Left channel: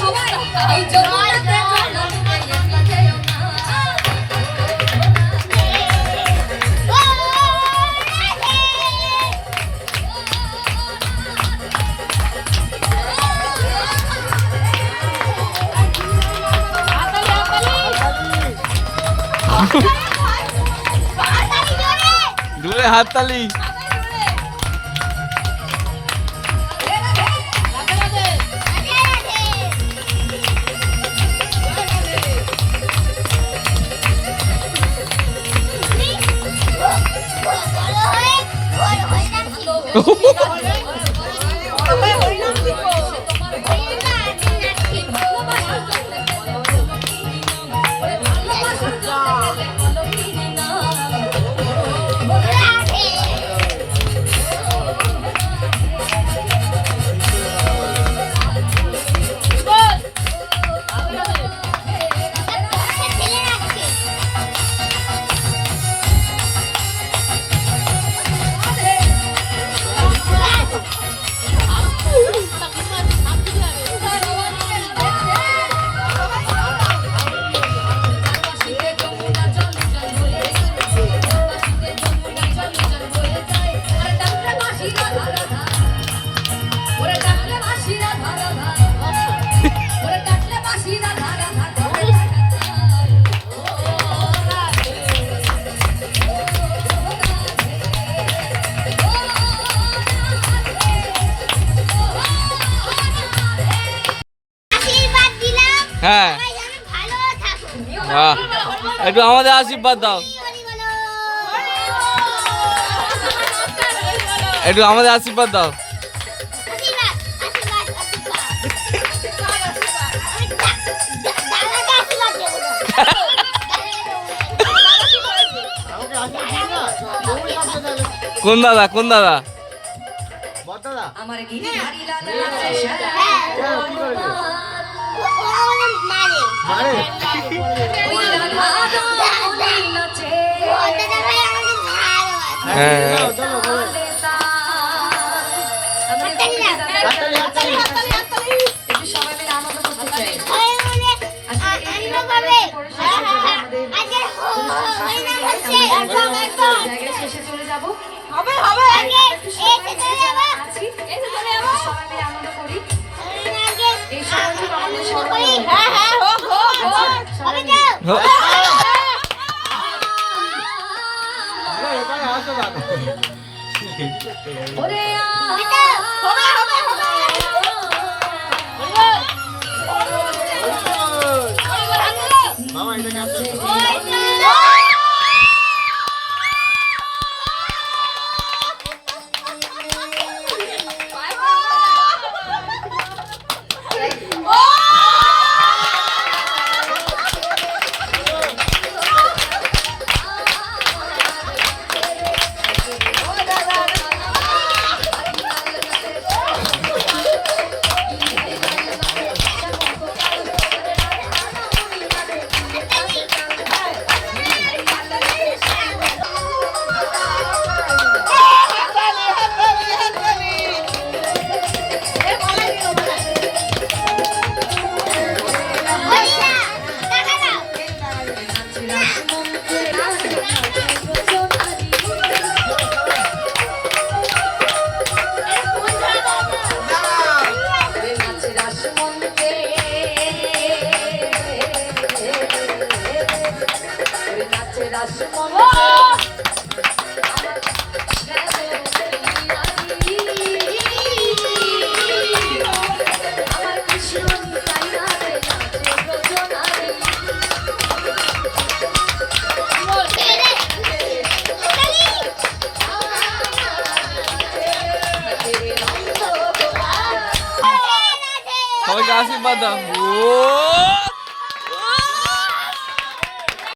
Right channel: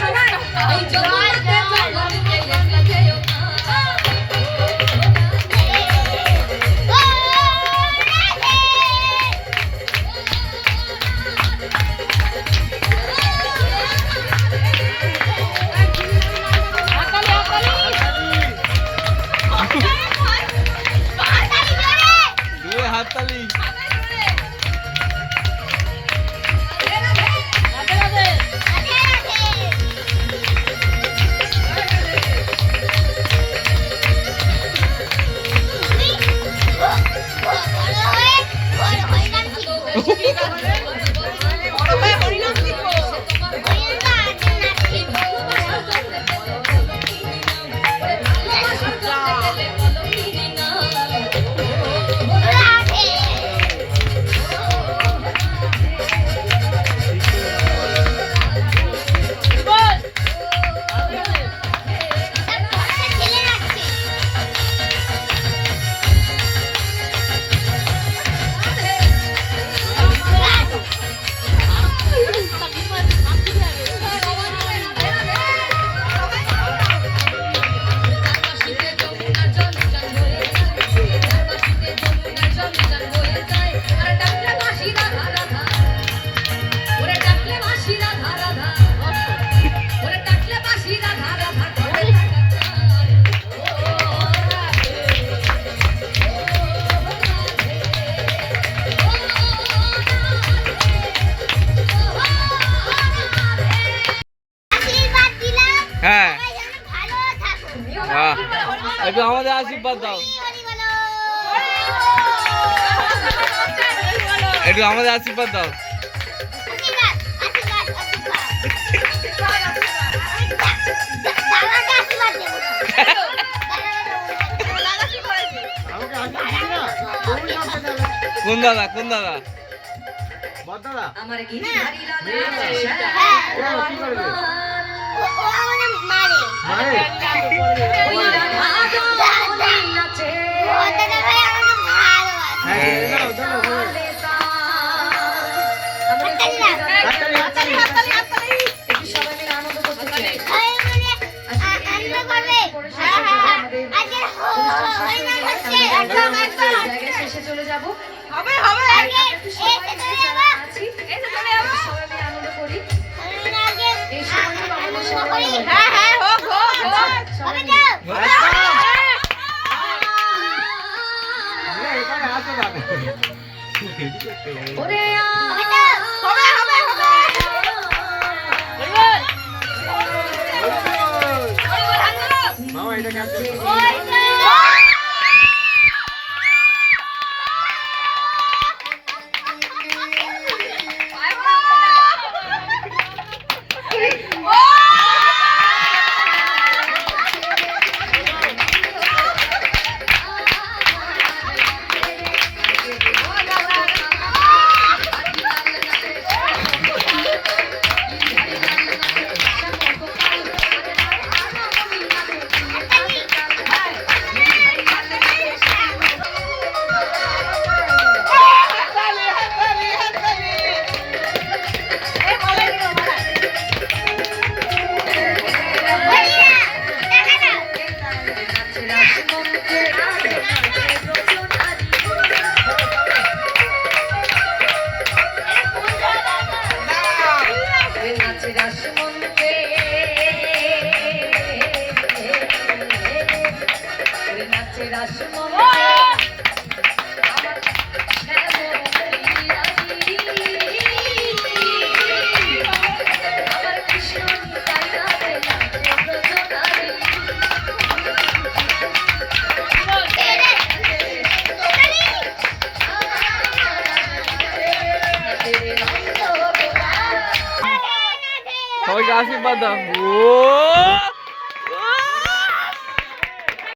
সবাই হাততালি। আশীর্বাদ একটু আমাদের আশীর্বাদ দাও একটু আমাদের আশীর্বাদ দাও আশীর্বাদ আশীর্বাদ আশীর্বাদ দাদাকে আশীর্বাদ দেবো না কোন দাদা কোন দাদা আমার গিরিধারী একটু সবাই মিলে আনন্দ করতে চাই। সবাই মিলে আ- আনন্দ করবে। আজকে হো- হো- হরিনাম হচ্ছে। একদম একদম জায়গায় শেষে চলে যাব। হবে হবে। আগে এসে চলে যাব। আছি। এসে চলে যাব। সবাই মিলে আনন্দ করি। আগে এই সময় তো সবাই হ্যাঁ হ্যাঁ হোক হোক হোক হবে যাও ওরে হবে হবে 我爱你 সবাইকে আশীর্বাদ দাও ও